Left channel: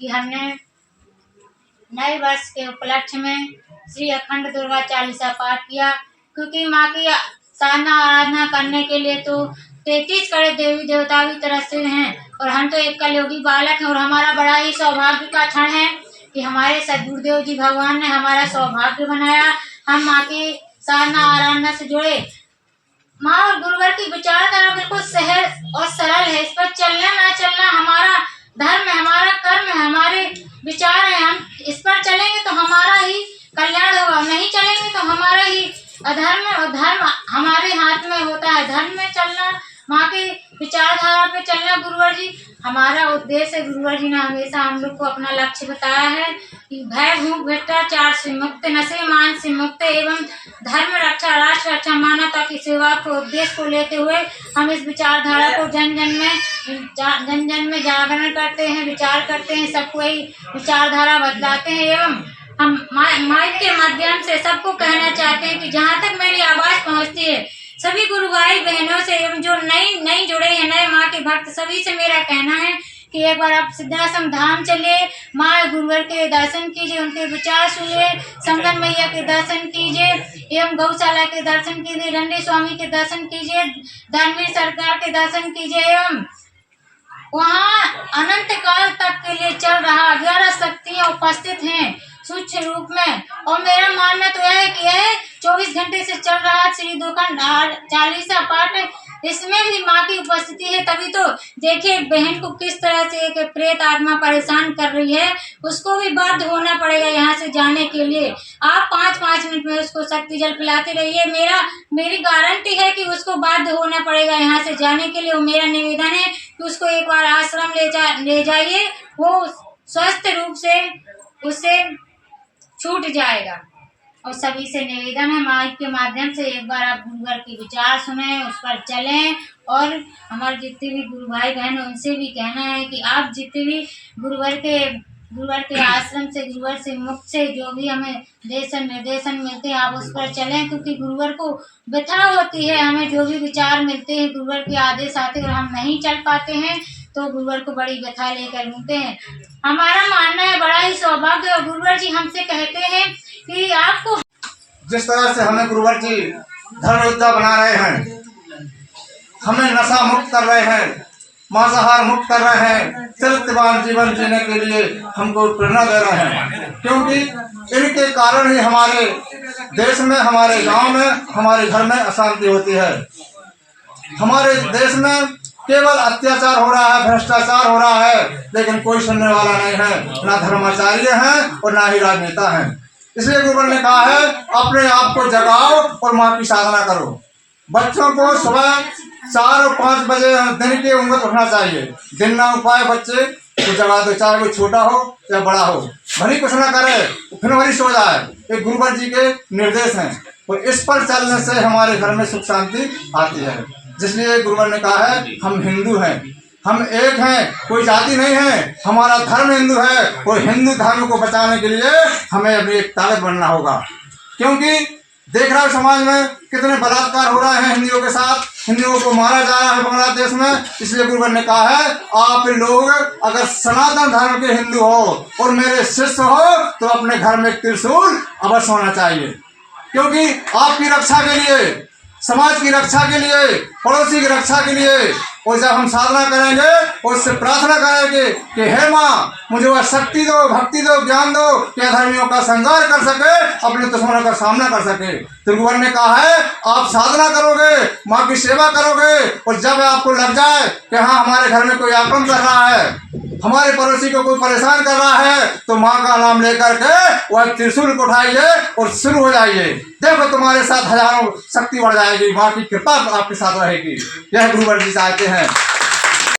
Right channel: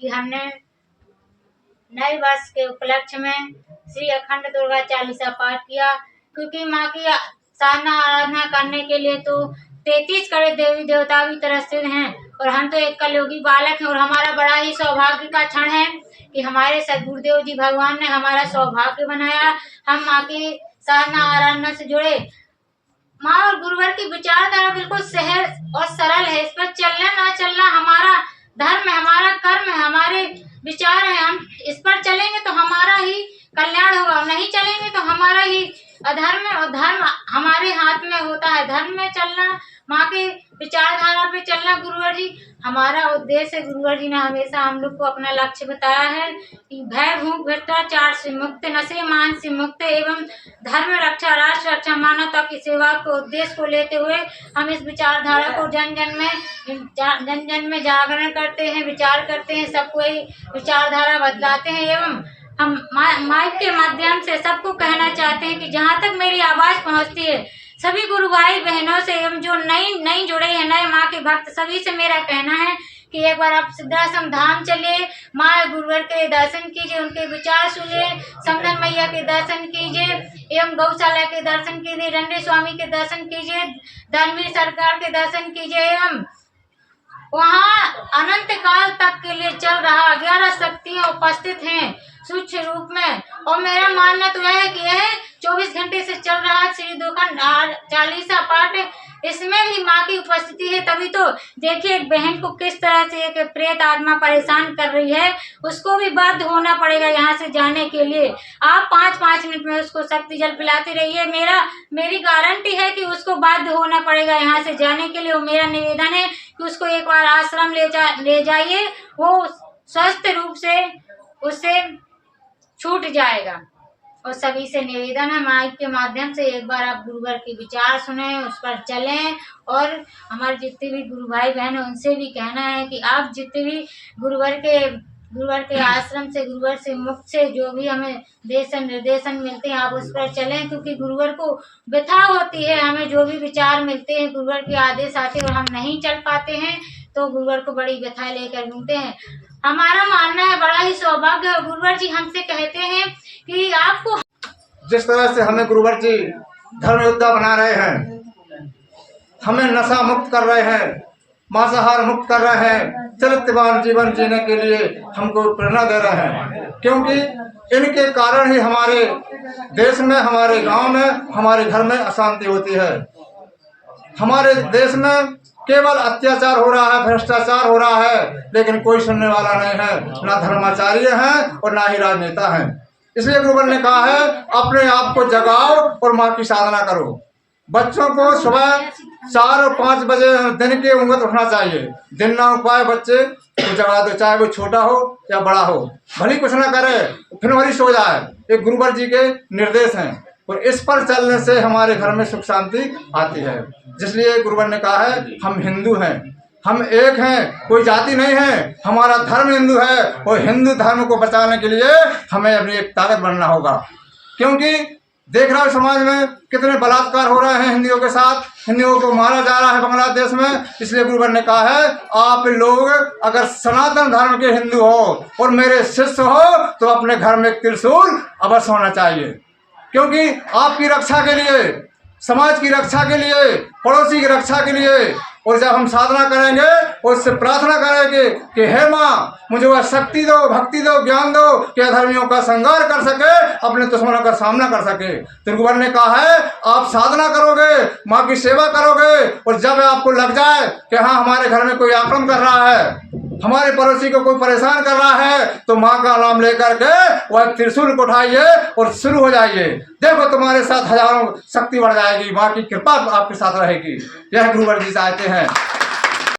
कि हमने नए वर्ष के उपलक्ष्य में श्री अखंड दुर्गा चालीसा पाठ किया, क्योंकि माँ की साधना आराधना करने के लिए तो 33 करोड़ देवी देवता भी तरसते हैं और हम तो एक कलयुगी बालक हैं। और हमारा बड़ा ही सौभाग्य का क्षण है कि हमारे सद्गुरुदेव जी भगवान ने हमारा सौभाग्य बनाया, हम माँ की साधना आराधना से जुड़े। माँ और गुरुवर की विचारधारा बिल्कुल सहज और सरल है। इस पर चलना ना चलना हमारा धर्म है, हमारा कर्म है, हमारे विचार है। हम इस पर चलेंगे तो हमारा ही कल्याण होगा, नहीं चलेंगे तो हमारा ही अधर्म है। और धर्म हमारे हाथ में होता है। धर्म में चलना, माँ के विचारधारा पे चलना गुरुवर जी हमारा उद्देश्य है। गुरुवर जी ने हमेशा हम लोग को अपना लक्ष्य बताया है कि भय भूख भ्रष्टाचार से मुक्त, नशे मान से मुक्त एवं धर्म रक्षा, राष्ट्र रक्षा, मानवता की सेवा के उद्देश्य को लेते हुए हम इस विचारधारा को जन जन में जागरण करते हैं, विचार करते हैं, सबको यही विचारधारा बदलाते हैं। एवं हम माइक के माध्यम से सबको कहना चाहते हैं कि जहाँ तक मेरी आवाज पहुँचती है, सभी गुरु भाई बहनों से एवं जो नई जुड़े हैं, नए माँ के भक्त, सभी से मेरा कहना है कि एक बार आप सिद्धाश्रम धाम चलिए, माँ गुरुवर के दर्शन कीजिए, उनके विचार सुनिए, समदन मैया के दर्शन कीजिए एवं गौशाला के दर्शन कीजिए, रंडे स्वामी के दर्शन कीजिए, धर्मवीर सरकार के दर्शन कीजिए। एवं वहाँ अनंत काल तक के लिए चल रहा 11 शक्तियाँ उपस्थित हैं सूक्ष्म रूप में। और मेरा मानना तो यह है कि यह 24 घंटे से चल रहा श्री दुर्गा चालीसा पाठ, इसमें भी माँ की उपस्थिति है। तभी तो देखिए एक बहन को किस तरह से एक प्रेत आत्मा परेशान कर रही है, उसको भी बाध्य होना पड़ेगा यहाँ से जाने के लिए। आप 5-5 मिनट में उसको शक्ति जल पिलाते रहिए, मेरी गारंटी है कि उसको बाध्य होना पड़ेगा यहाँ से जाने के लिए। और मेरा निवेदन है कि उसको एक बार आश्रम ले जाइए, वो स्वस्थ रूप से उससे छूट जाएगा। और सभी से निवेदन है माइक के माध्यम से एक बार आप गुरुवर के विचार सुने, उस पर चलें। और हमारे जितने भी गुरु भाई बहन हैं उनसे भी कहना है कि आप जितने भी गुरुवर के आश्रम से, गुरुवर से मुक्त से जो भी हमें निर्देशन मिलते हैं, आप उस पर चलें, क्योंकि गुरुवर को व्यथा होती है। हमें जो भी विचार मिलते हैं, गुरुवर के आदेश आते और हम नहीं चल पाते हैं तो गुरुवर को बड़ी व्यथा लेकर घूमते हैं। हमारा मानना है बड़ा ही सौभाग्य है। गुरुवर जी हमसे कहते हैं कि आपको जिस तरह से हमें गुरुवर जी धर्म योद्धा बना रहे हैं, हमें नशा मुक्त कर रहे हैं, मांसाहार मुक्त कर रहे हैं, चरित्रवान जीवन जीने के लिए हमको प्रेरणा दे रहे हैं। क्योंकि इनके कारण ही हमारे देश में, हमारे गांव में, हमारे घर में अशांति होती है। हमारे देश में केवल अत्याचार हो रहा है, भ्रष्टाचार हो रहा है, लेकिन कोई सुनने वाला नहीं है, ना धर्माचार्य हैं और ना ही राजनेता हैं। इसलिए गुरुवर ने कहा है अपने आप को जगाओ और माँ की साधना करो। बच्चों को सुबह 4 और 5 बजे दिन के उम्र उठना चाहिए। दिन ना उठ पाए बच्चे तो जगा दो, चाहे वो छोटा हो या बड़ा हो, भले कुछ ना करे फिर वही सो जाए। ये गुरुवर जी के निर्देश हैं और इस पर चलने से हमारे घर में सुख शांति आती है। जिसलिए गुरुवर ने कहा है हम हिंदू हैं, हम एक हैं, कोई जाति नहीं है, हमारा धर्म हिंदू है और हिंदू धर्म को बचाने के लिए हमें अपनी एक ताकत बनना होगा। क्योंकि देख रहा है समाज में कितने बलात्कार हो रहे हैं हिंदुओं के साथ, हिंदुओं को मारा जा रहा है बांग्लादेश में। इसलिए गुरुवर ने कहा है आप लोग अगर सनातन धर्म के हिंदू हो और मेरे शिष्य हो तो अपने घर में त्रिशूल अवश्य होना चाहिए। क्योंकि आपकी रक्षा के लिए, समाज की रक्षा के लिए, पड़ोसी की रक्षा के लिए। और जब हम साधना करेंगे और उससे प्रार्थना करेंगे कि हे माँ मुझे वह शक्ति दो, भक्ति दो, ज्ञान दो कि अधर्मियों का संहार कर सके, अपने दुश्मनों का सामना कर सके। तो गुरुवर ने कहा है आप साधना करोगे, माँ की सेवा करोगे और जब आपको लग जाए कि हाँ हमारे घर में कोई आक्रमण कर रहा है, हमारे पड़ोसी को कोई परेशान कर रहा है, तो माँ का नाम लेकर के वह त्रिशूल को उठाइए और शुरू हो जाइए। देखो तुम्हारे साथ हजारों शक्ति बढ़ जाएगी, माँ की कृपा आपके साथ रहेगी। यह गुरुवर जी चाहते हैं।